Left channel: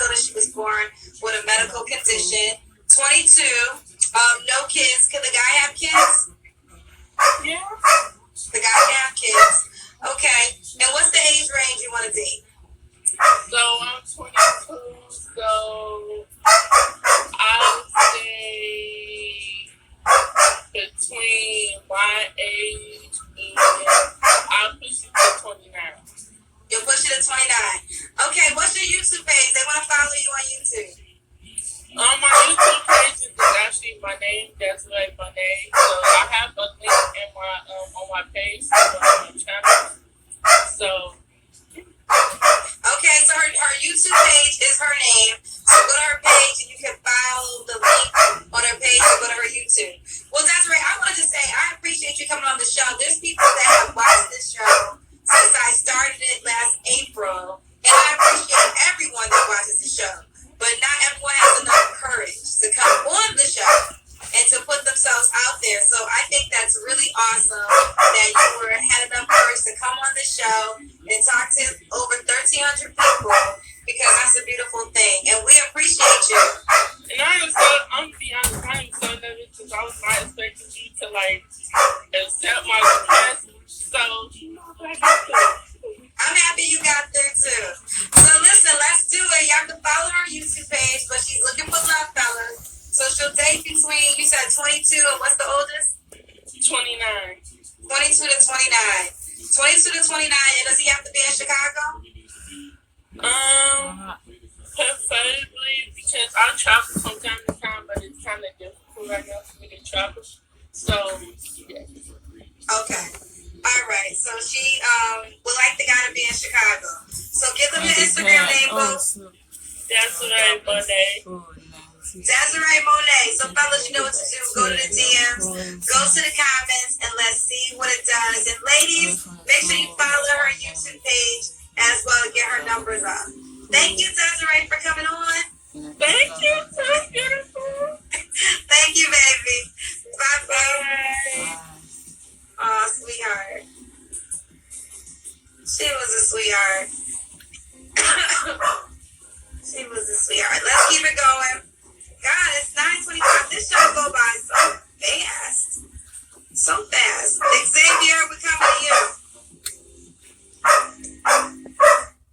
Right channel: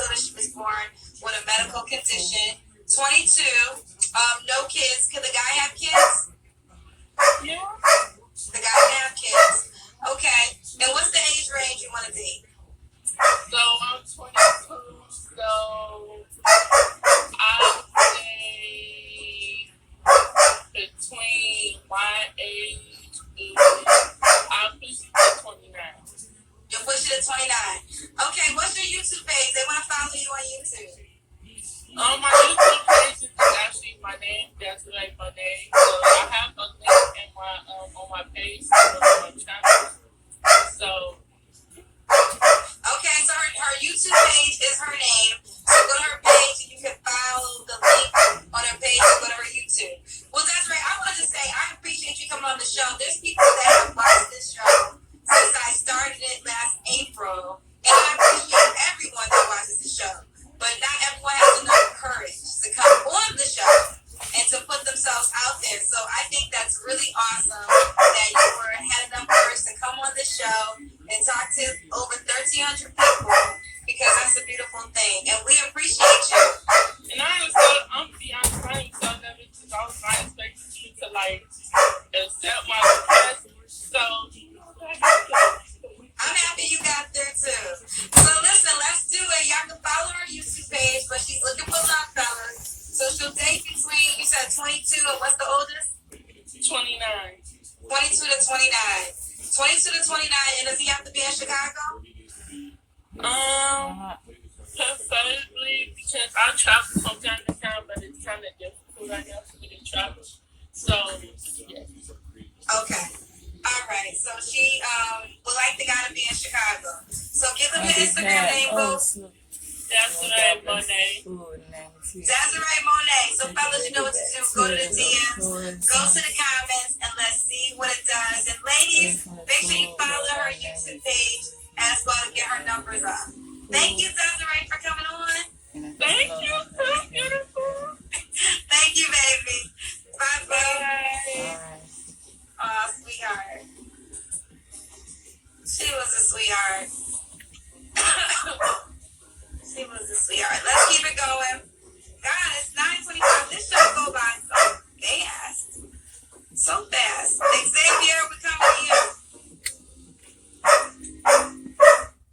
told us she was born with a medical condition. 22, no kids. Can the guy have kids? Yeah. The guy can have kids. Okay. And what's the age range you want to date? So I'm 22, so I would say between my age and I'll push it to 29. You're pushing to 29. Okay, what's your YouTube page? They want to follow you on YouTube. My YouTube page is actually my name. That's like my name. So I have a link in my on my page on my channel. So. Okay, so her YouTube page is her name. So go to her page and you can follow the link on her page and go to her YouTube. Well, that's right. I wanted to say I appreciate you coming on the show. There's people that have watched this show since I started it last April. And I appreciate everyone that watches the show. But not everyone has enough courage to come on the show and to put themselves out there. So I think that's really awesome that you had enough courage to come on the show and talk to over 1,300 people, because that's a beautiful thing. And we appreciate you. And I'm to be honest, I'm so nervous because I was not expecting you to accept my request. So, I'm happy you got there too. So listen, let's do it. Y'all can follow her YouTube page, but she's looking for love, fellas. So she'll date between, you said 22, and what's the oldest? 29. 22 to 29. 22 to 29, and does he have to be in Chicago? Preferably, because I travel from time to time, but it's kind of difficult right now for me to travel. So, yeah. Okay. All right. So she would like the guy to be in Chicago. So give them your Instagram name, folks. Desiree Monet. Desiree Monet. So fellas, you know what to do. Go to the DMs, go to the comments, and let's see what it does. And ladies, make sure you follow her YouTube page as well and get her numbers up. Thank you, Desiree, for coming on. Thank you. So beautiful. Thank you, baby. Bye-bye. Oh, sweetheart. She was a sweetheart. She was a sweetheart. Let's keep it going. God, it's 9:25. This show go by so fast. So fast. Xavier, we're coming to you.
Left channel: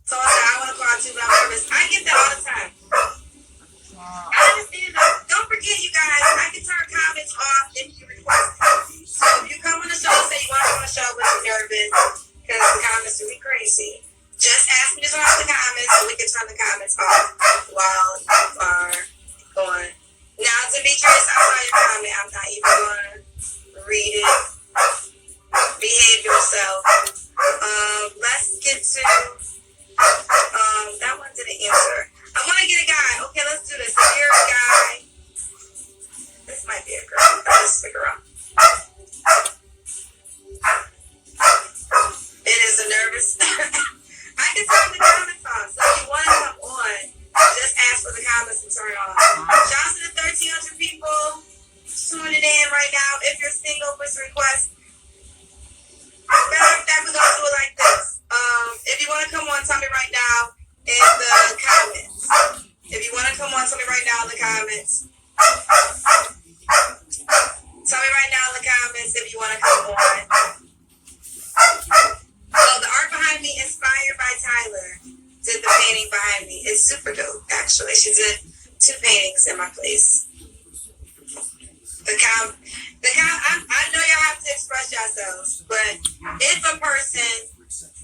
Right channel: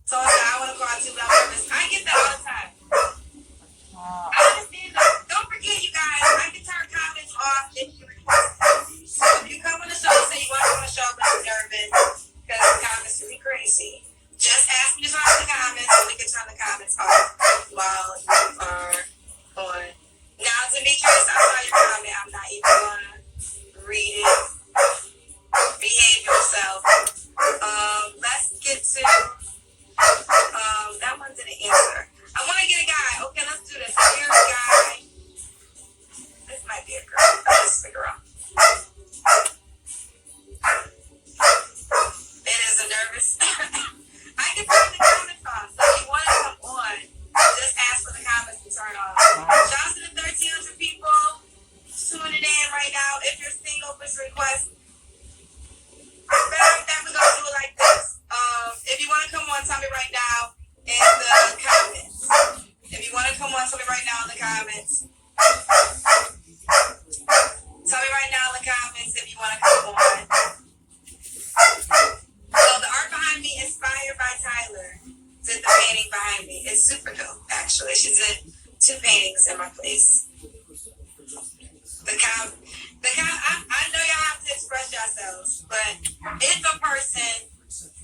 So I want to call too, but I'm nervous. I get that all the time. I understand though. Don't forget, you guys, I can turn comments off if you request it. So if you come on the show and say you want to come on the show but you're nervous because the comments are really crazy, just ask me to turn off the comments so we can turn the comments off while you are on. Now, Demetrius, I saw your comment. I'm not even going to read it. Behave yourself. Let's get to that one didn't answer. I want to get a guy. Okay, let's do this. If you're a guy, this might be a girl. This is a girl. It is a nervous. I can turn the comments on. So if you want to come on, just ask for the comments and turn it on. Shout out to the 1,300 people tuning in right now. If you're single, push request. Matter of fact, we're going to do it like this. If you want to come on, tell me right now in the comments. If you want to come on, tell me right now in the comments. Tell me right now in the comments if you want to come on. So the art behind me, inspired by Tyler, did the painting behind me. It's super dope, actually. She did 2 paintings in my place. I know y'all have to express yourselves, but if a person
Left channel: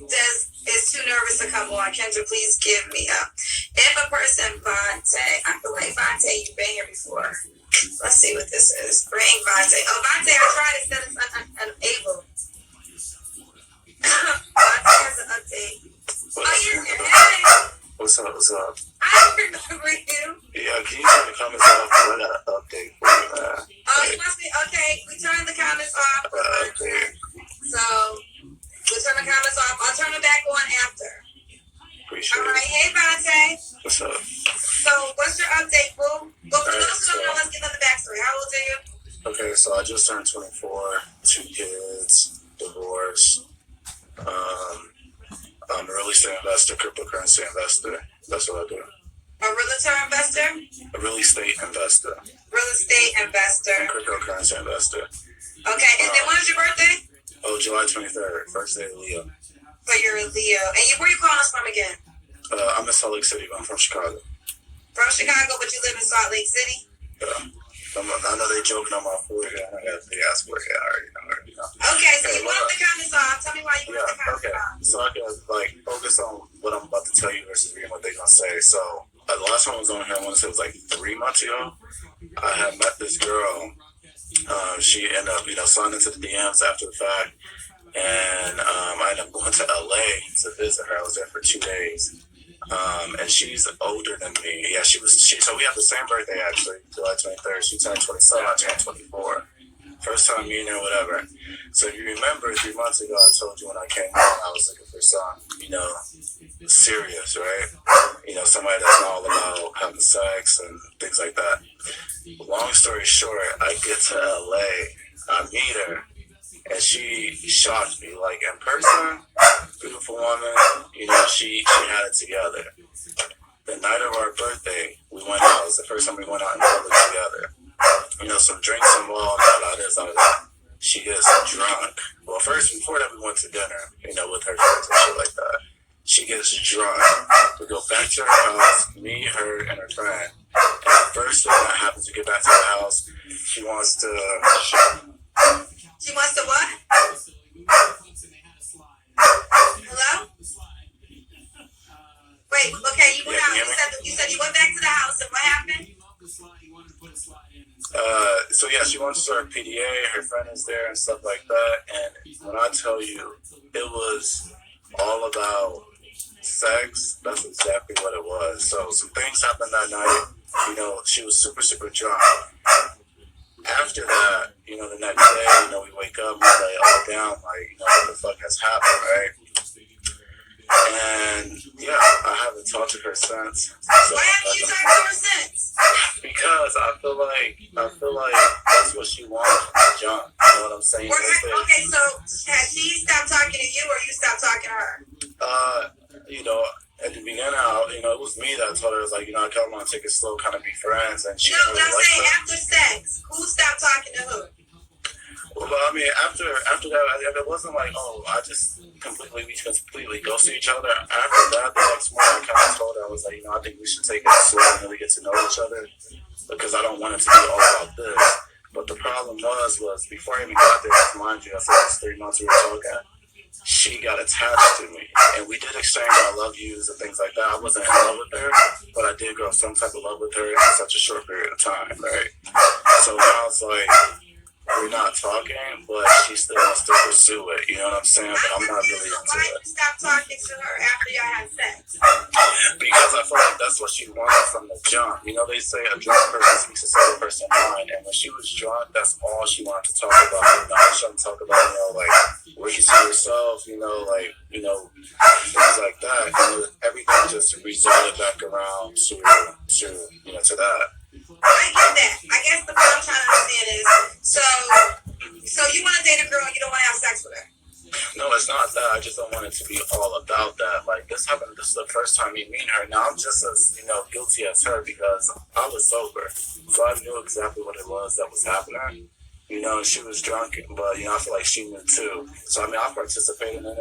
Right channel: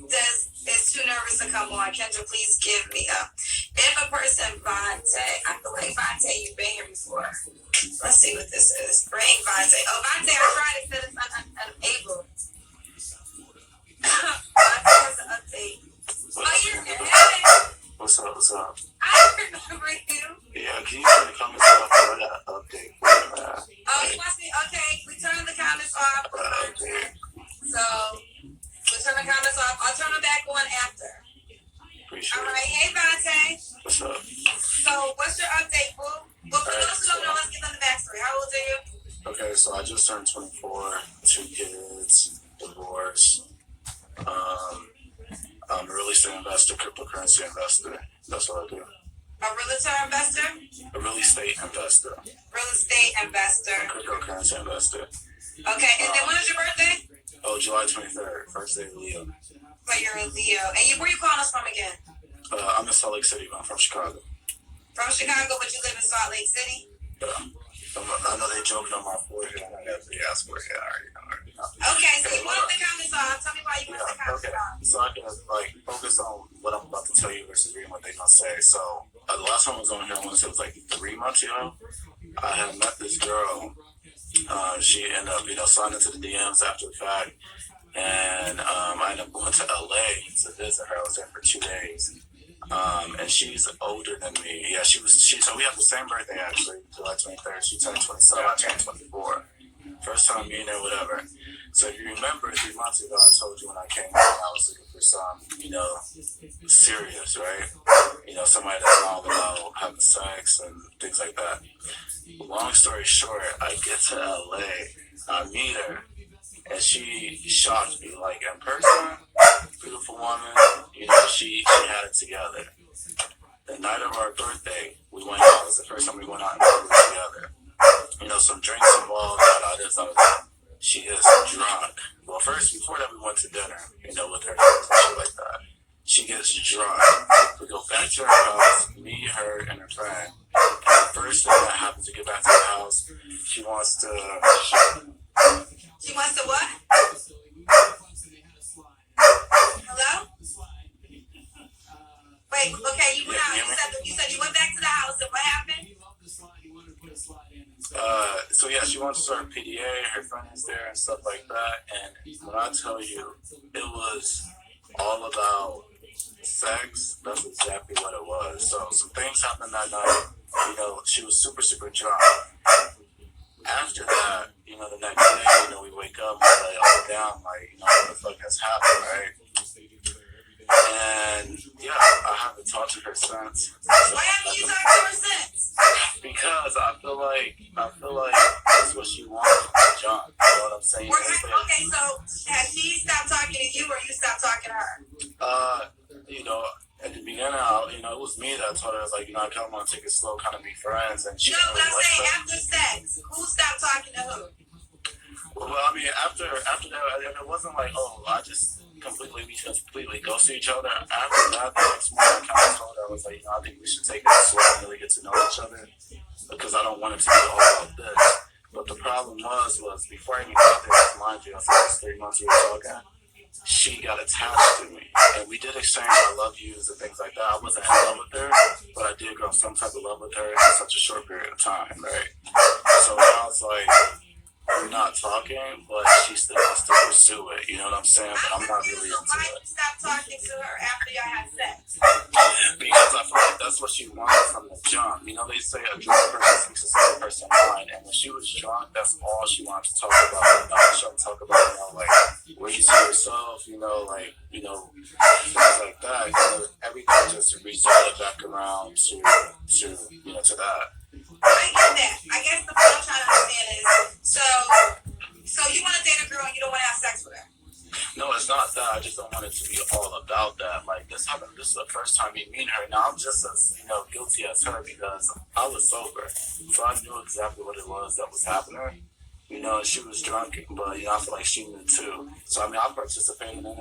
is too nervous to come on, Kendra, please give me up. If a person, Vontae, I feel like Vontae, you've been here before. Let's see what this is. Bring Vontae. Oh, Vontae, I tried it, said it's unable. Vontae has an update. Oh, you're here. Hey. What's up? I remember you. Yeah, can you turn the comments off? I got an update for you, Oh, you must be, okay. We turned the comments off. okay. So, we'll turn the comments off. I'll turn them back on after. Appreciate All right. Hey, Vontae. What's up? So, what's your update, boo? Well, for those who don't know, let's get on the backstory. How old are you? Okay, so I just turned 24, 2 kids, divorce. I'm a real estate investor, cryptocurrency investor. That's what I do. A realtor investor? A real estate investor. Real estate investor. Cryptocurrency investor. Okay, and then when is your birthday? Oh, July 23rd, first day of Leo. So you're a Leo. And where you calling us from again? I'm in Salt Lake City, but I'm from Chicago. From Chicago, but you live in Salt Lake City? Yeah. I know they joking on my forehead. I got a big ass forehead. I already know. Okay, so you want the comments off. Tell me why you want the comments okay. off. So I can focus on what I'm about to tell you versus reading what they're gonna say. So the last time I was on here, I want to say it was like 3 months ago. I had met this girl. She ended up, sliding into the DMs after the fact, and I ended up going to LA to visit her. I was there for 2 days. And she's older than me. Yeah, so we have the same birthday actually, July 23rd. She turned 27, I turned 24. First time meeting her, whatever. So if you remember 3 months ago, I told you when I came home, I was looking for some, serious, right? Somebody that's all about having sex and things like that. Long story short, I get to LA, I meet her, and she shocked me. Like in person, beautiful woman, she had it together. The night of our birthday, we went out. It was the first time we went out in public together. Some drinks involved, all this, all that. She gets drunk. Well, first, before that, we went to dinner, with her friends and shit like that. She gets drunk. We go back to her house, me, her, and her friend. And the first thing that happens, we get back to her house, she wants to... She wants to what? Hello? Wait, okay, you went out. You said you went back to the house, and what happened? So yeah, she wants to start PDA, her friend is there and stuff like that, and when I tell you, it was all about sex, that's exactly what it was. So some things happened that night, she was super, super drunk. After that, the next day, we wake up, we're like, all down, like, what the fuck has happened, right? And yeah, I haven't talked to her since. So why haven't you talked to her since? Because I feel like that's what she wants from the jump. You know what I'm saying? Okay, so has she stopped talking to you, or you stopped talking to her? At the beginning, it was me that told her, I was like, I kind of want to take it slow, kind of be friends, and she. No, but I'm saying after sex, who stopped talking to who? Well, I mean, after that, it wasn't like, I just completely ghosted each other. After that, the next morning, I kind of told her, I was like, I think we should take it slow and really get to know each other, because I don't want it to be all about this. But the problem was before I even got there, mind you, I said it was 3 months we were talking, she got attached to me, and we did exchange I love yous and things like that. I wasn't in love with her, but I did grow some type of love with her in such a short period of time, right? So now it's like, we're not talking, but she still wants to pursue it. You know what I'm saying? But I'm not really into why did you stop talking to her after y'all had sex? Because I feel like that's what she wanted from the jump. They say a drunk person speaks a certain person's mind, and when she was drunk, that's all she wanted to talk about. She wanted to talk about, where you see yourself, things like that. Everything just resorted back around to that. I get that. I guess the point I'm trying to understand is, so you want to date a girl and you don't want to have sex with her? No, it's not that. I just don't want it to be all about that. Like, this happened. This is the first time you meet her. Now I'm just as, guilty as her, because I was sober. So I knew exactly what it was that was happening. She was drunk, but, I feel like she knew too. So, I participated in it,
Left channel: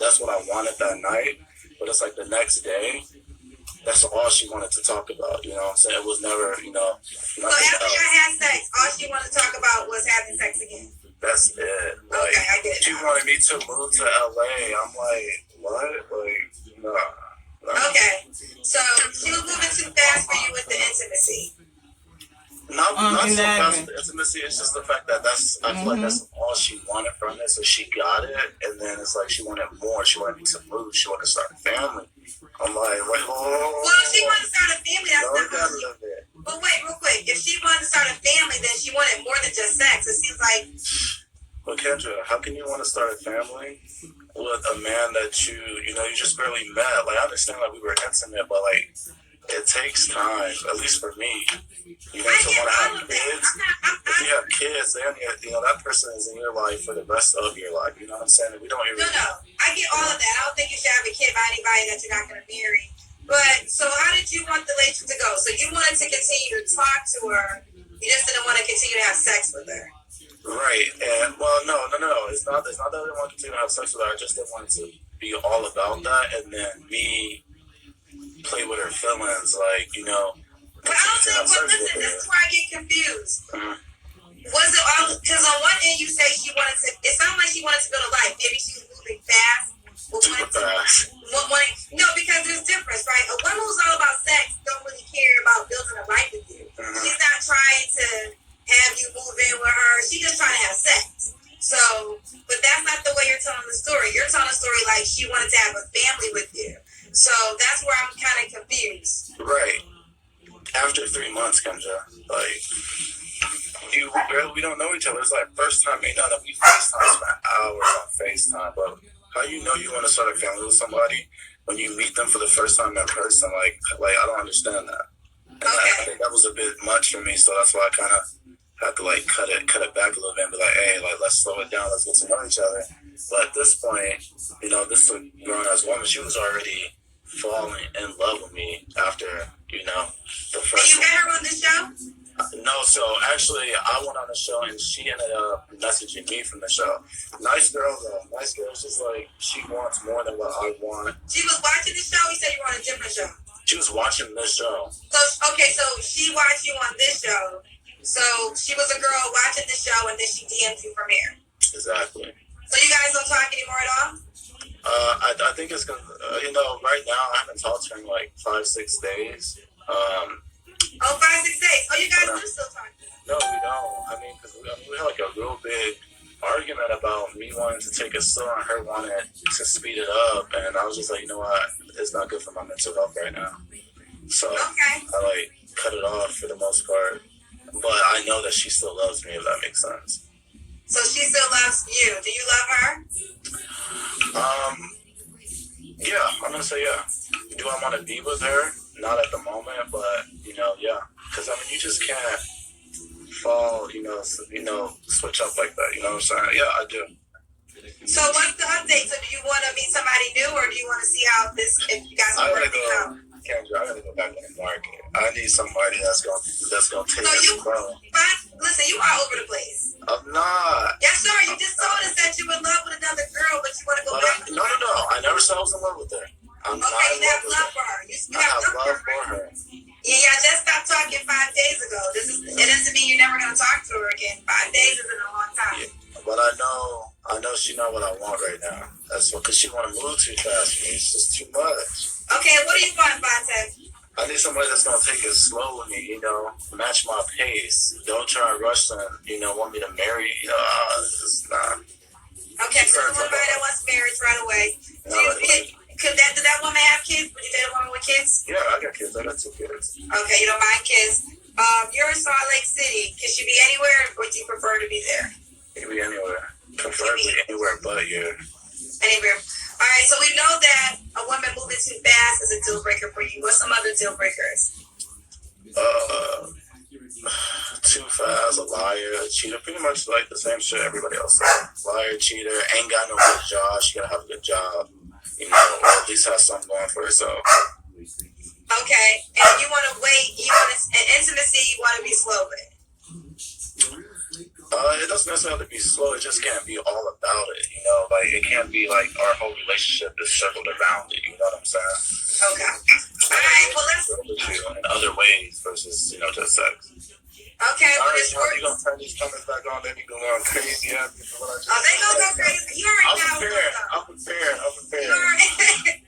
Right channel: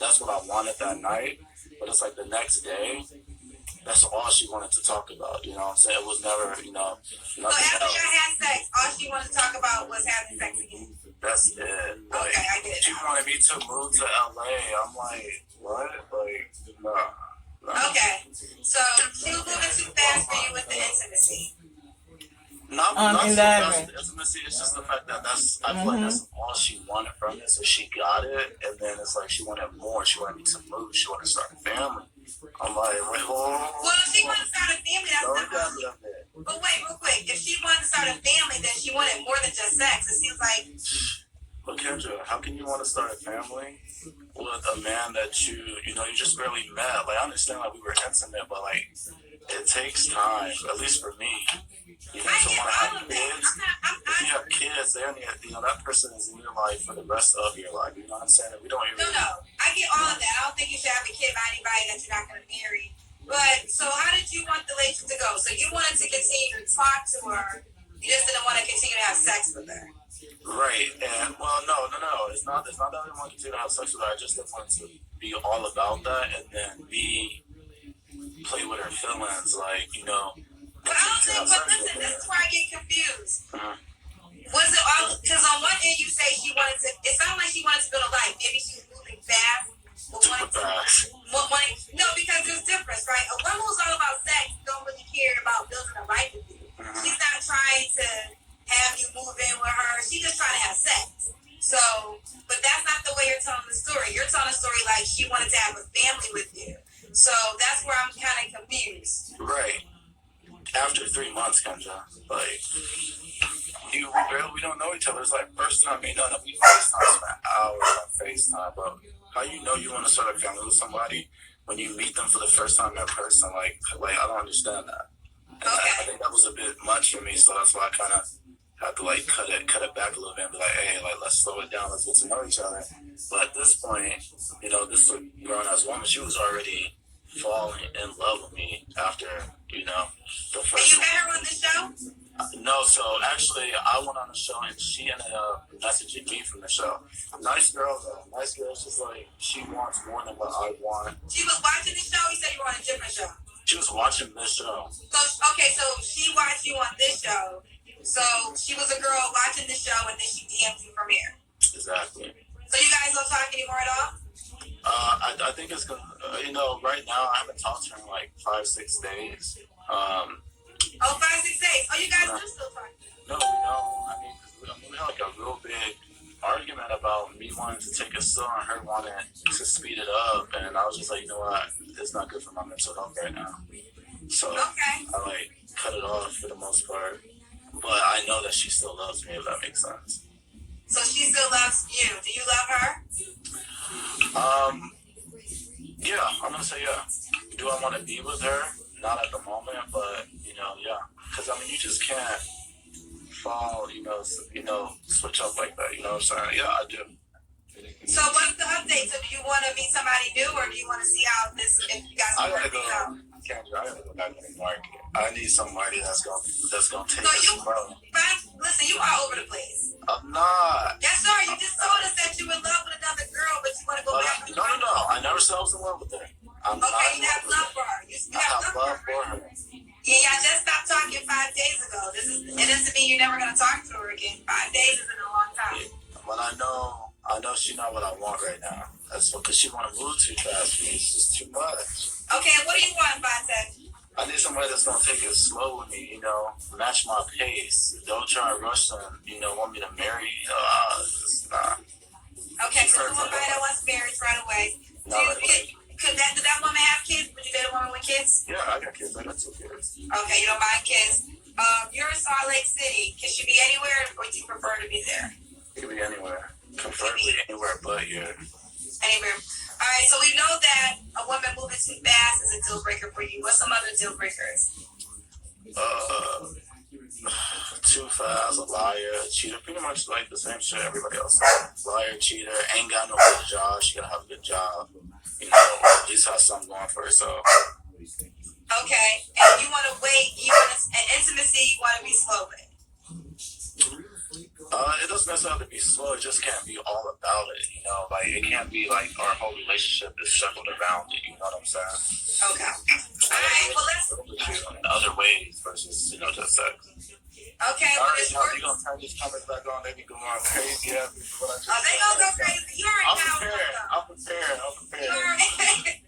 That's what I wanted that night. But it's like the next day, that's all she wanted to talk about, you know what I'm saying? It was never, So after you had sex, all she wanted to talk about was having sex again? That's it. Like, okay, I get it. She wanted me to move to LA. I'm like, what? Like, no. Okay, so she was moving too fast for you with the intimacy. Not so fast the intimacy, it's just the fact that I feel like that's all she wanted from it, so she got it, and then it's like she wanted more. She wanted me to move. She wanted to start a family. I'm like, wait, well, if she wanted to start a family, that's not But wait, real quick. If she wanted to start a family, then she wanted more than just sex. It seems like... But Kendra, how can you want to start a family with a man that you just barely met? Like, I understand that we were intimate, but, like, it takes time, at least for me. To want to have kids. If you have kids, then that person is in your life for the rest of your life. You know what I'm saying? We don't No, I get all of that. I don't think you should have a kid by anybody that you're not going to marry. But so how did you want the relationship to go? So you wanted to continue to talk to her. You just didn't want to continue to have sex with her. Right. And well, no. It's not that I didn't want to continue to have sex with her. I just didn't want to be all about that, and then me play with her feelings, like, you know. But I don't think. Well, listen, this is where I get confused. Was it all? Because on one end you say she wanted to. It sounded like she wanted to build a life. Maybe she was moving fast. No, because there's difference, right? A woman who's all about sex don't really care about building a life with you. She's not trying to have you move in with her. She's just trying to have sex. So, but that's not the way you're telling the story. You're telling a story like she wanted to have a family with you. So that's where I'm kind of confused. Right. After 3 months, Kendra, like, we don't know each other. It's like first time meeting, we FaceTime for hours on FaceTime, but how you know you want to start a family with somebody when you meet them for the first time in person? Like I don't understand that. And I think that was a bit much for me, so that's why I kind of had to like cut it back a little bit and be like, hey, like let's slow it down, let's get to know each other. But at this point, you know, this grown ass woman, she was already falling in love with me after, you know, the first. And you met her on this show? No, so actually I went on the show and she ended up messaging me from the show. Nice girl though. Nice girl. She's like, she wants more than what I want. She was watching the show? You said you were on a different show. She was watching this show. So, okay, so she watched you on this show. So she was a girl watching the show and then she DM'd you from here. Exactly. So you guys don't talk anymore at all? I think it's gonna, you know, right now I haven't talked to her in like 5-6 days. 5-6 days. Oh, you guys do still talk? No, we don't. I mean, because we had like a real big argument about me wanting to take it slow and her wanting to speed it up, and I was just like, you know what, it's not good for my mental health right now. So I like cut it off for the most part, but I know that she still loves me, if that makes sense. So she still loves you. Do you love her? Yeah, I'm gonna say yeah. Do I want to be with her? Not at the moment, but you know, yeah. Because I mean, you just can't fall, you know, switch up like that. You know what I'm saying? Yeah, I do. So what's the update? So do you want to meet somebody new, or do you want to see how this? If you guys want to out? Kendra, I gotta go back in the market. I need somebody that's gonna take it slow. Listen, you are over the place. I'm not. Yes, sir. You just told us that you were in love with another girl, but you want to go back. No. I never said I was in love with her. I'm not in you have love for her. I have love for her. Yeah, y'all just stopped talking 5 days ago. It doesn't mean you're never gonna talk to her again. 5 days isn't a long time. Yeah, but I know she's not what I want right now. That's because she want to move too fast for me. It's just too much. Okay, what do you want, Vontae? I need somebody that's gonna take it slow with me, you know, match my pace. Don't try and rush them, you know, want me to marry, you know, it's not. Okay, so the woman that wants marriage right away. Could that woman have kids? Would you date a woman with kids? Yeah, I got kids. I got 2 kids. Okay, you don't mind kids. You're in Salt Lake City. Can she be anywhere, or do you prefer to be there? It can be anywhere. Preferably anywhere but here. Anywhere. All right, so we know that a woman moving too fast is a deal breaker for you. What's some other deal breakers? Too fast, a liar, a cheater. Pretty much like the same shit everybody else says. Liar, cheater, ain't got no good job. She gotta have a good job, you know, or at least have something going for herself. Okay, and you want to wait. Intimacy, you want to be slow with. It doesn't necessarily have to be slow. It just can't be all about it, you know. Like it can't be like our whole relationship is circled around it. You know what I'm saying? Okay. All right. Well, let's. In other ways versus, you know, just sex. Okay. Well, this works. You gonna turn these comments back on? They be going crazy. Yeah. They gonna go crazy. You already know. I'm prepared. You already.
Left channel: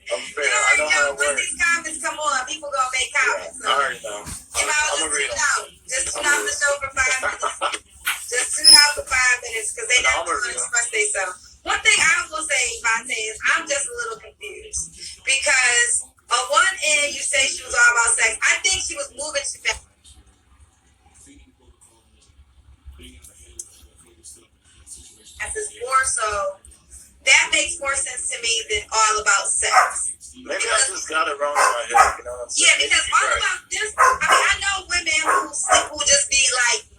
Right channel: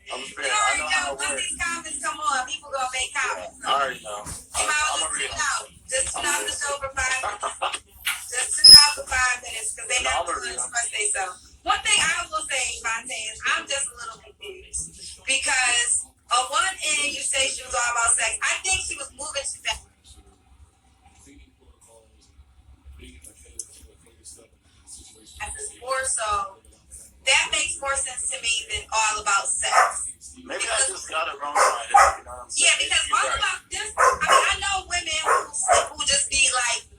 I know how it when works. these comments come on, people gonna make comments. Yeah, I already know. I'm gonna read them. Just tune out the show for 5 minutes. Just tune out for 5 minutes because they never want to express themselves. One thing I will say, Vontae, is I'm just a little confused because on one end you say she was all about sex. I think she was moving too fast. Is more so. That makes more sense to me than all about sex. Maybe I just got it wrong in my head, you know what I'm saying? Yeah, because all about this, I mean, I know women who just be like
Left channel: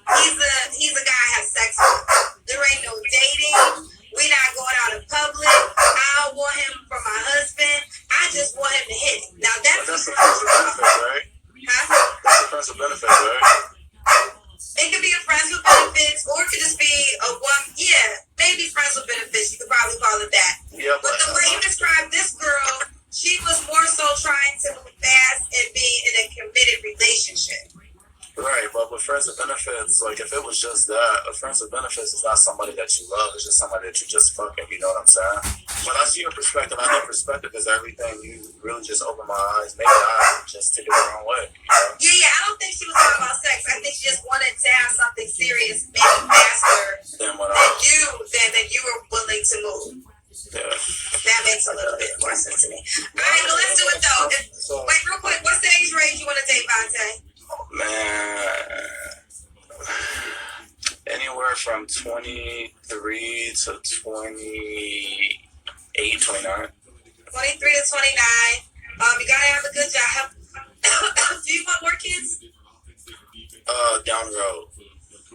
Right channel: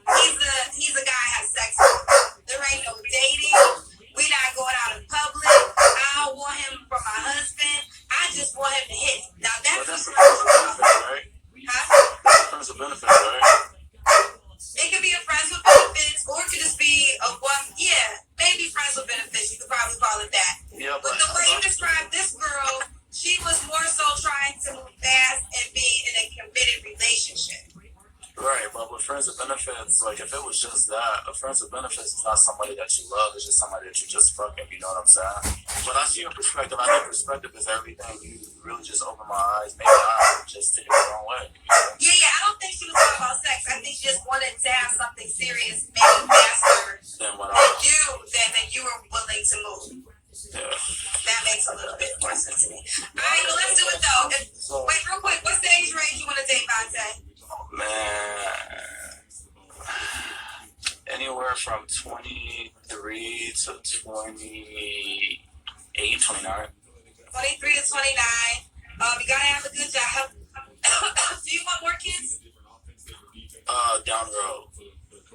benefits, right? Huh? That's a friends with benefits, right? It could be a friends with benefits, or it could just be a one. Yeah, maybe friends with benefits. You could probably call it that. Yeah, But the way you described this girl, she was more so trying to move fast and be in a committed relationship. right, but with friends with benefits, like if it was just that, a friends with benefits is not somebody that you love, it's just somebody that you just fucking, you know what I'm saying? When I see your perspective, I know perspective is everything. You really just open my eyes, maybe I just took it the wrong way, you know? Yeah, I don't think she was talking about sex. I think she just wanted to have something serious, maybe faster Then what than you were willing to move. yeah. That makes a little bit more sense to me. All right, well, let's do it though. So, Wait, real quick, what's the age range you want to date, Vontae? man, anywhere from 23 to 28, 29. 23 to 29. You gotta have a good job. Do you want more kids? Down the road.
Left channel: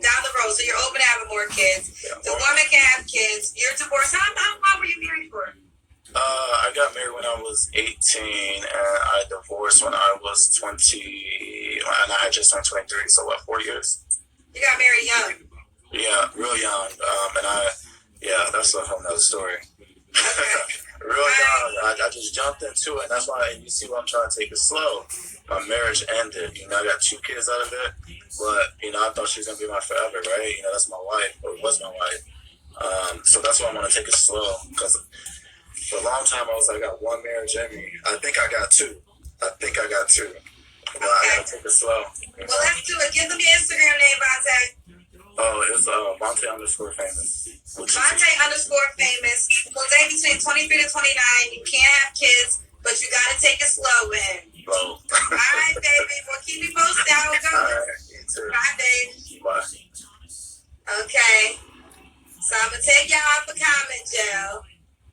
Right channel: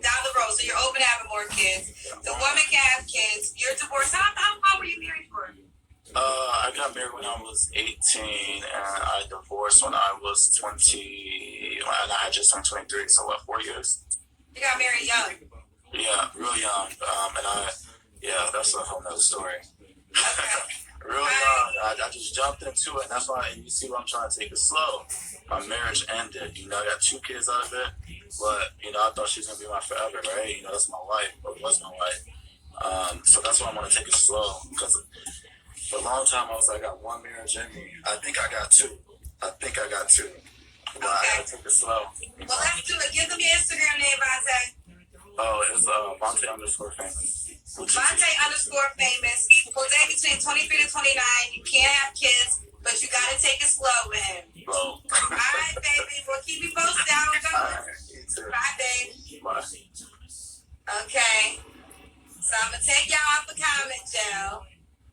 Down the road, so you're open to having more kids. Yeah. The woman can have kids. You're divorced. How long were you married for? I got married when I was 18, and I divorced when I was 20, and I had just turned 23, so what, 4 years? You got married young. Yeah, real young. That's a whole nother story. Okay. Real young. I just jumped into it, and that's why, and you see why I'm trying to take it slow. My marriage ended. You know, I got 2 kids out of it, but, you know, I thought she was going to be my forever, right? You know, that's my wife, or was my wife. So that's why I want to take it slow, because for a long time I was like, I got 1 marriage in me. I think I got 2. But I got to take it slow. You know? Well, let's do it. Give them your Instagram name, Vontae. Oh, it's Vontae_famous. Vontae_famous. Will date between 23 to 29. You can't have kids, but you gotta take it slow with him. Bro. All right, baby. Well, keep me posted. How it All goes. right, you too. Bye, baby. Bye. Okay. So I'm gonna take y'all off the comment jail.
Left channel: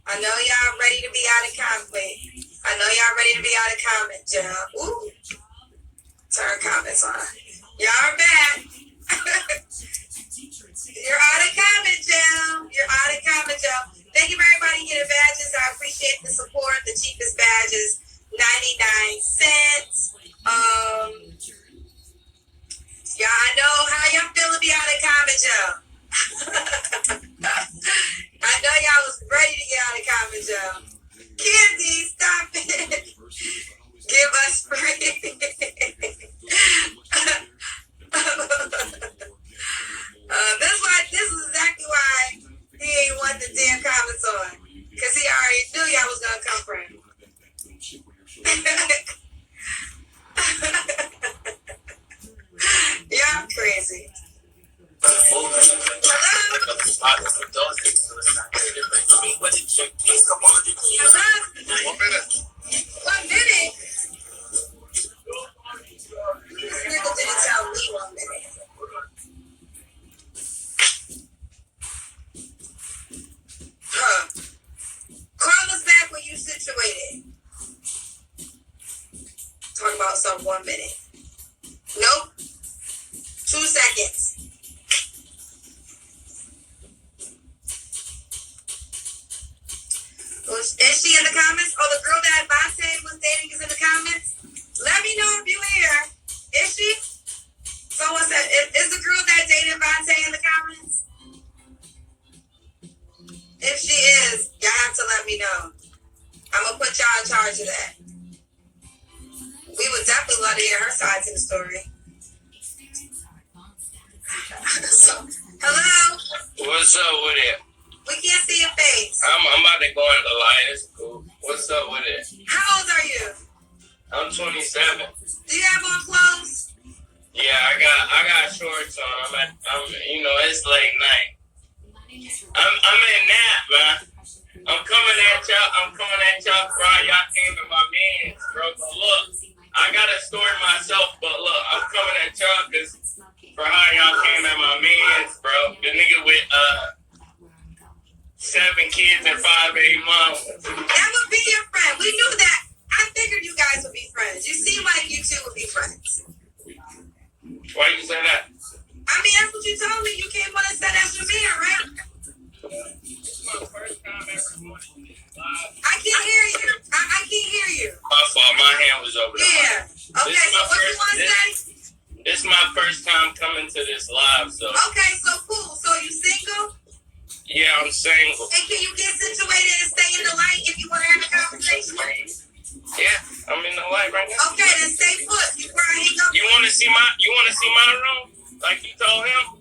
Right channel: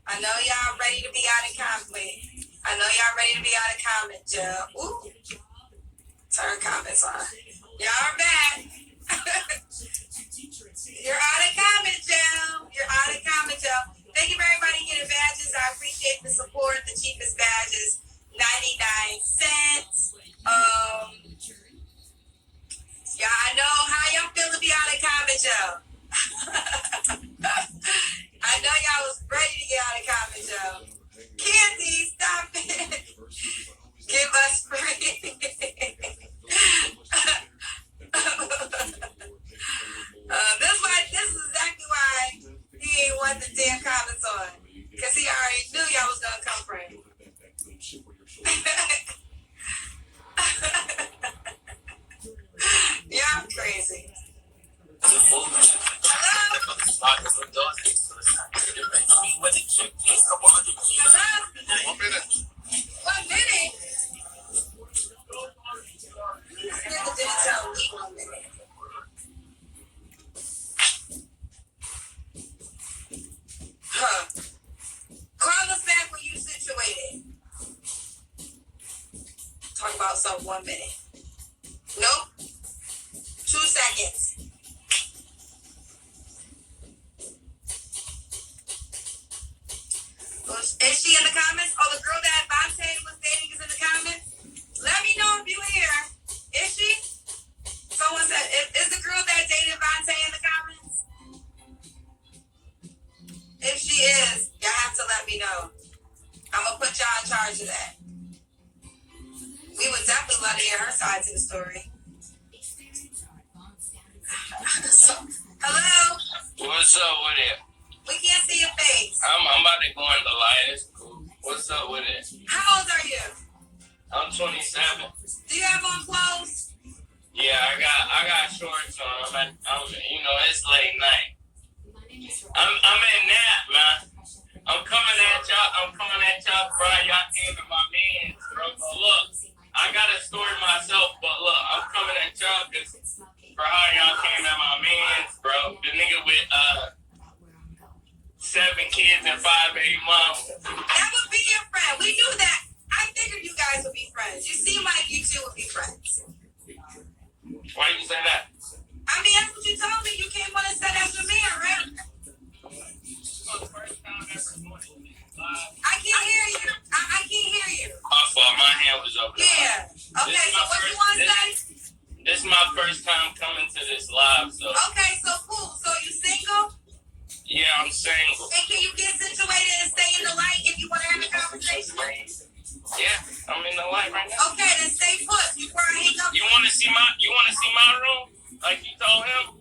I know y'all ready to be out of comment. I know y'all ready to be out of comment jail. Ooh. Turn comments on. Y'all are back. You're out of comment jail. You're out of comment jail. Thank you for everybody getting badges. I appreciate the support. The cheapest badges, 99 cents. Yeah, I know how y'all feel to be out of comment jail. I know y'all was ready to get out of comment jail. Candy, stop it. Give us free. This is exactly why he ain't want the damn comments on. Because he already knew y'all was going to come for him. Y'all crazy. Hello? Hello? 1 minute? This nigga didn't tell me 1 minute. Huh. Call us back when you situated. Talk about some 1 minute. Nope. 2 seconds. Is she in the comments? Oh, the girl that Vontae was dating is in the comments? Let me know if you here. Is she? Someone said, is the girl that dated Vontae in the comments? If she is, y'all have to let me know. I'm going to put y'all in charge of that. We would definitely love to hear her side to the story. Hello? What's up with it? We can't see your face. I'm about to go in the light. It's cool. What's up with it? How old are you? I'm 27. Do you have on clothes? Yeah, I got shorts on. It's late night. I'm in nap, man. I'm coming at y'all, bro. Y'all came to my mans, bro. But look, I gotta story myself, but look, I'm coming at y'all because for how y'all came at my mans, bro. The nigga with 7 kids and 5 baby mamas. That would be your friend. We knew that. I figured you guys would be friends. You seem like you two would be friends. Why you say that? I mean, that's what you told me. You came on and said that's your man, right? This is my first time ever doing it live. I can't hear you. I first time coming to this live, so. Okay, so cool. So you single? Yeah, I'm single. And can you get situated and stay in the light if you want to have a conversation? Yeah, I'm in the light right now. Okay, then stay put. You probably hang up. You wanna see my room? Like you told him?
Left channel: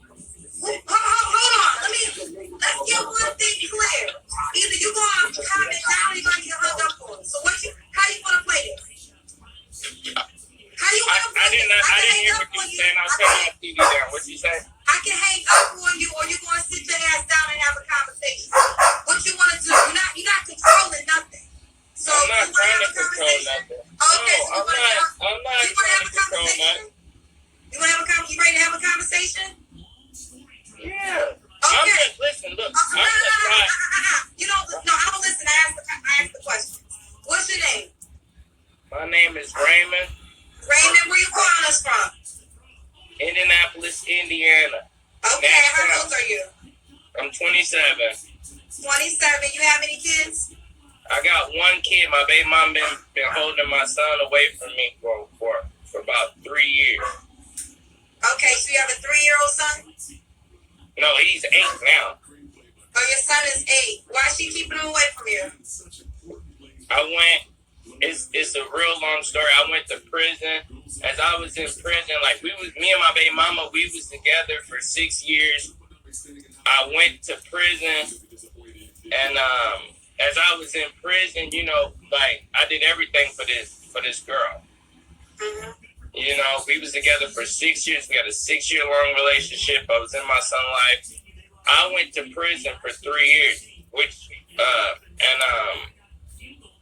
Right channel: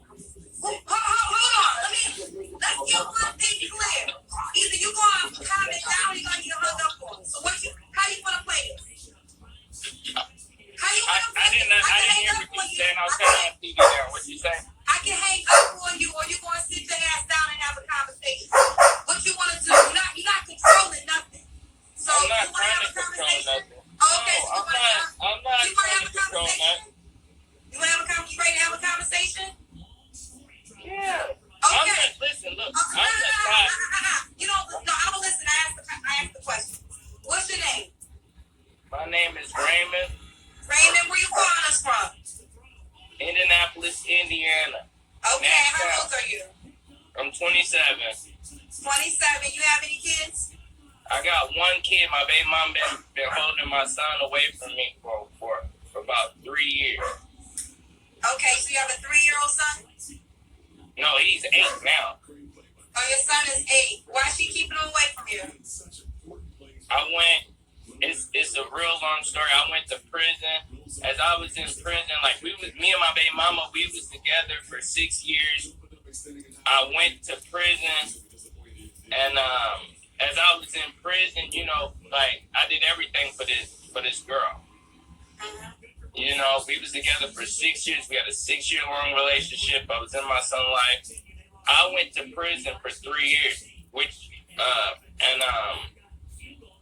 Hold on. Let's get one thing clear. Either you gonna comment down or you gonna get hung up on. So how you wanna play this? How you wanna play this? I didn't hear what you said. I'll turn my TV down. What you say? I can hang up on you, or you gonna sit your ass down and have a conversation. What you wanna do? You're not controlling nothing. So I'm not you wanna trying have to a control conversation? nothing. Okay, No, so I'm not you wanna trying have to a control conversation? nothing. You ready to have a conversation? Yeah. Okay. Listen, look. I'm No. not trying. You don't. No, I don't listen. I ask the question. What's your name? My name is Raymond, Raymond. Where you calling us from? Indianapolis, Indiana. Okay. How old are you? I'm 27. 27. You have any kids? I got one kid. My baby mom been holding my son away from me for about 3 years. Okay. So you have a 3-year-old son? No, he's 8 now. Oh, your son is 8. Why is she keeping him away from you? It's a real long story. I went to prison. As I was in prison, like me and my baby mama, we was together for 6 years. I went to prison, and as I was in prison, you know, like I did everything for this girl. Mm-hmm. You know, we was together for 6 years. We had a 6-year-long relationship. I was in my son's life. I went to prison for 3 years,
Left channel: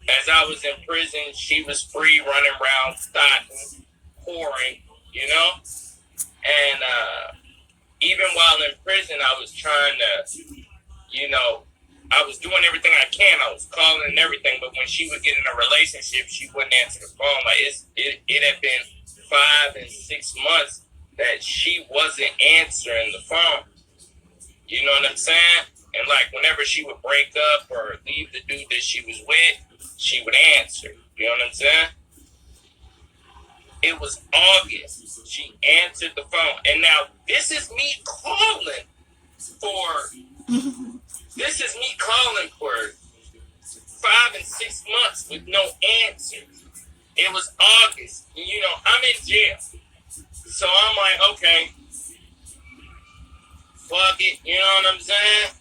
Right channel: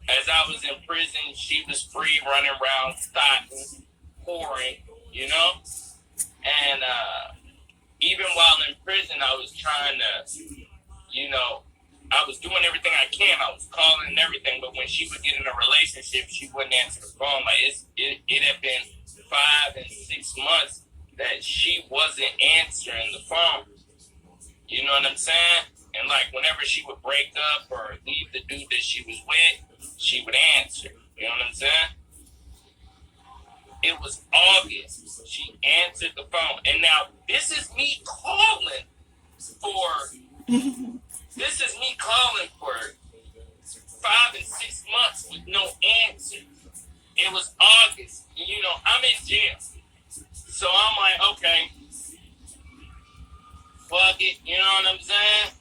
as I was in prison, she was free, running around, starting, whoring, you know? And even while in prison, I was trying to, you know, I was doing everything I can. I was calling and everything, but when she would get in a relationship, she wouldn't answer the phone. Like it had been 5 and 6 months that she wasn't answering the phone. You know what I'm saying? And like whenever she would break up or leave the dude that she was with, she would answer. You know what I'm saying? It was August. She answered the phone. And now this is me calling for 5 and 6 months with no answer. It was August. You know, I'm in jail. So I'm like, okay, fuck it. You know what I'm saying?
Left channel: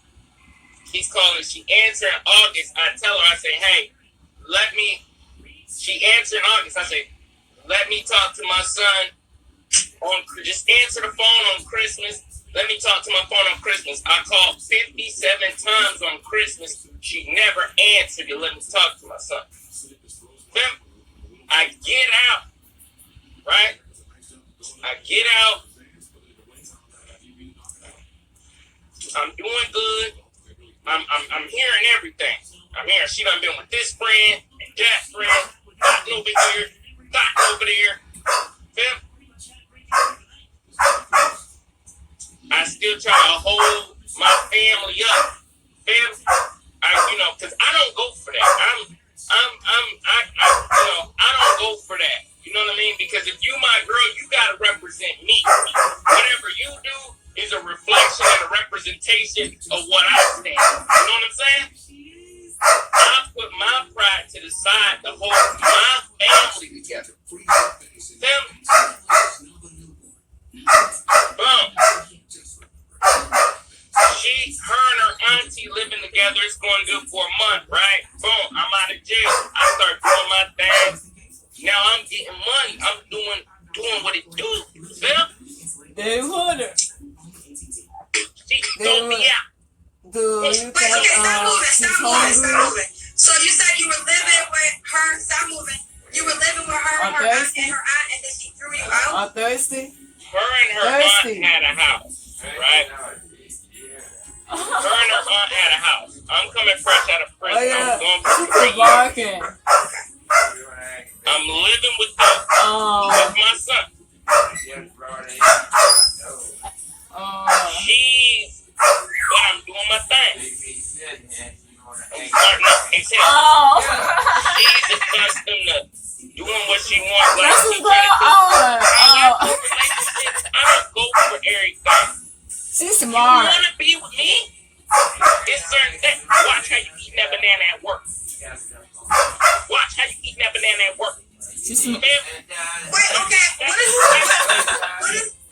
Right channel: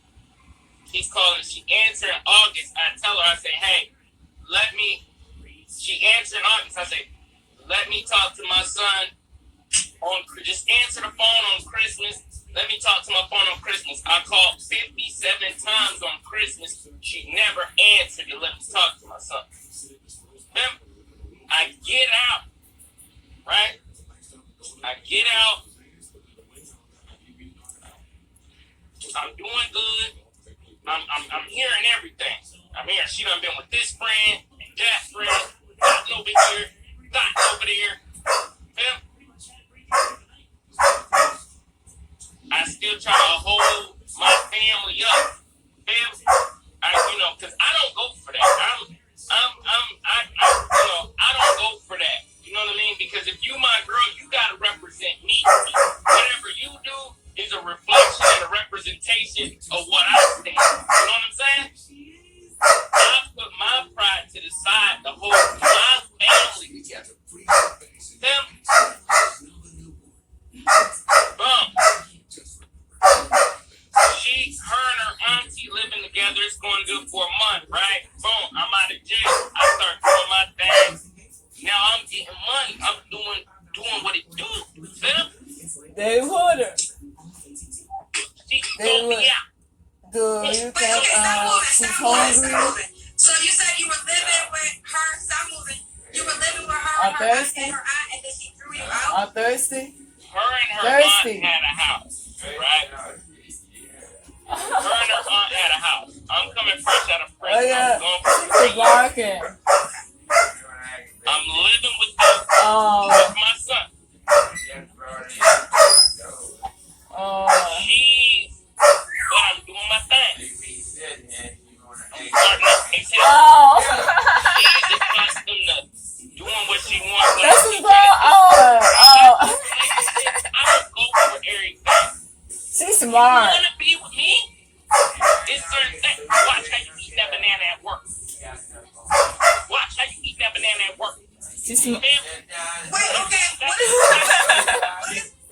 He's calling. She answered in August. I tell her, I say, hey, she answered in August. I say, let me talk to my son just answer the phone on Christmas. Let me talk to my phone on Christmas. I called 57 times on Christmas. She never answered to let me talk to my son. Then I get out, right? I get out. I'm doing good. I'm hearing everything. I'm hearing she done been with this friend and that friend, gotten over here, gotten over there. Then I still try to hold my family up. Then because I don't go for that. I don't go for that. You know what I mean? Because if you my girl, you gotta represent me. Whatever you do is a reflection and a representation of what I stand. You know what I'm saying? I put my pride to the side to hold my family together. Then, boom. Her and her auntie living together. It's going good for a month, right? Boom, I'm out of jail. I start doing my thing. Now I'm getting money. I'm doing what it do. They wouldn't. She throw me out. Dude, you can't, Stop moving. So you said you were living with her. Stop moving. You were living with her, On her aunt, Thursday? and then she threw you out? On Thursday? Her and her aunt had a house, right? Her and her aunt had a house. I'm coming fresh out of prison. Oh, yeah. I'm going for 3 She's years. barking. I'm living with them. Oh. With my son. Oh. I'm doing my thing. I'm starting up his head. Oh. She's accustomed to doing what she wants. This is going on. Oh. I don't smart. You want to be with me? It's certain things. Watch how you eating that banana at work. Watch how you eating that banana at work. She's Man, Wait, okay.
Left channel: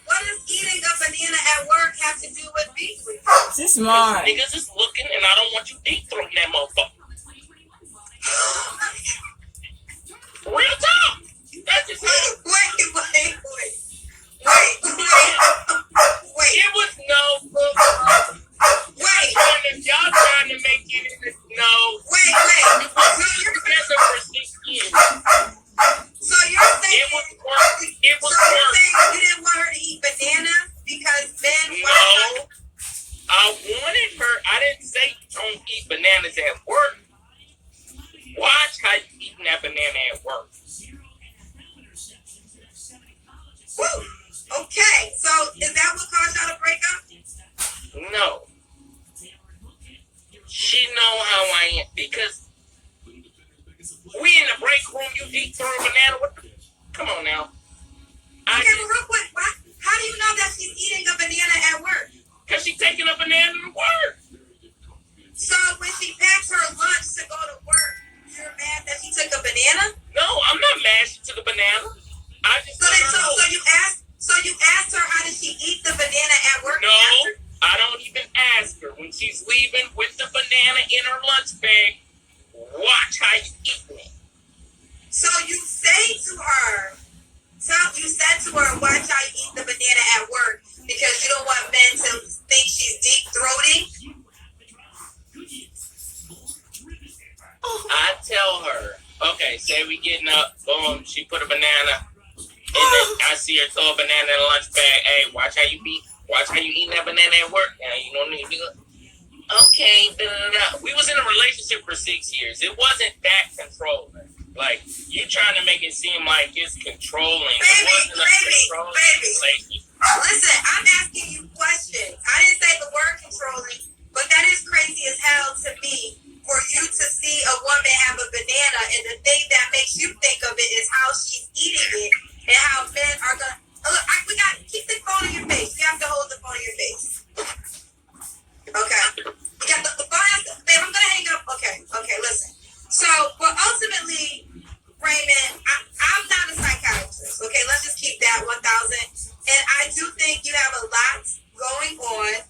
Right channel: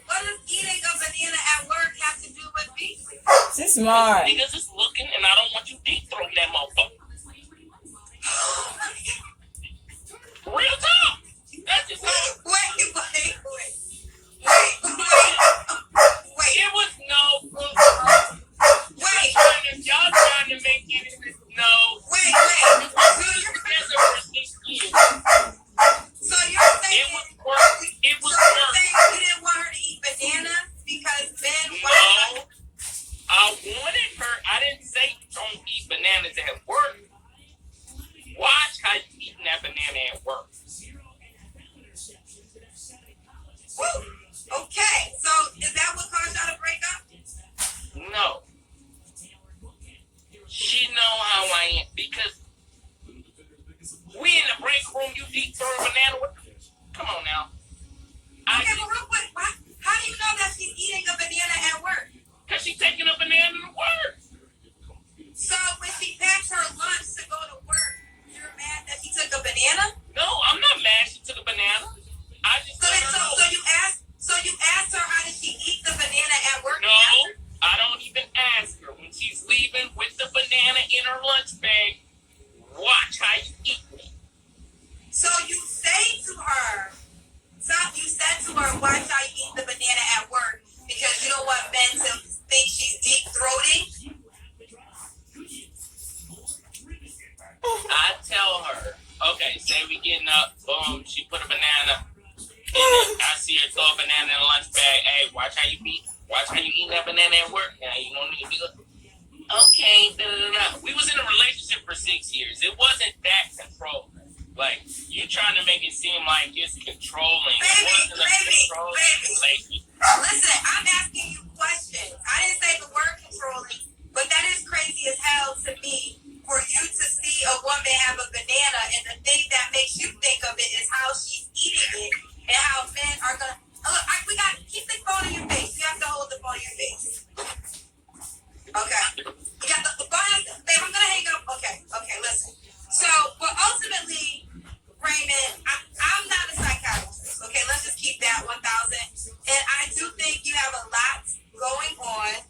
What does eating a banana at work have to do with beef? she's smart. niggas is looking, and I don't want you deep throating that motherfucker. Real talk. That's just how. Wait. It was no. Wait. If y'all trying to make it in no. Wait. We were together for 6 years. So you're saying It was work. It was so you're work. saying you didn't want her to eat bananas because men No. I wanted her. I didn't say don't eat bananas at work. Watch how you eating that banana at work. Woo. Okay, so is that what caused y'all to break up? No. She know how I am because we in the break room. You deep throw a banana. What the, come on now. Okay, but real quick, how do you know that she's eating a banana at work? Cause she taking a banana to work. So when she packs her lunch to go to work, you're mad that she took a banana? No, I'm not mad she took a banana. I just So you asked her how did she eat the banana at work? No, I don't even ask her. When she's leaving with the banana in her lunch bag, watch how you eat it. So you said to her, watch how you eat the banana at work because you don't want men to think she's deep throating. I tell her, okay, say we getting up, boom, she put a banana, and then I see her throw a banana in the lunch bag. Hey, watch how you eating that banana at work. Now you don't need to be like, okay, We was in a relationship for 6 years. It wasn't that controlling. Like, you trying to make it seem like it's controlling. It wasn't a controlling relationship. Listen, I'm asking you questions. I didn't say the word controlling, but that is crazy as hell to me for you to see a woman have a banana and the thing that makes you think of it is how she's eating it and how men are gonna look. We got keep the phone in your face. You have to hold the phone in your face. Okay. You got the phone. Babe, I'm gonna hang up. Okay. Listen. So, but ultimately, Raymond, I'm not a psychiatrist. Okay, let's just keep that 1,000. And I do think you have a lot going on.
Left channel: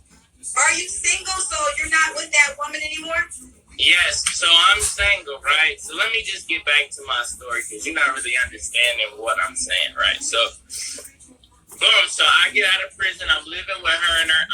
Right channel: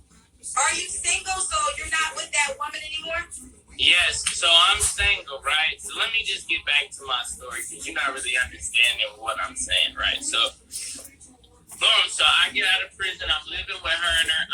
Are you single? So you're not with that woman anymore? Yes, so I'm single, right? So let me just get back to my story because you're not really understanding what I'm saying, right? So, boom, so I get out of prison. I'm living with her and her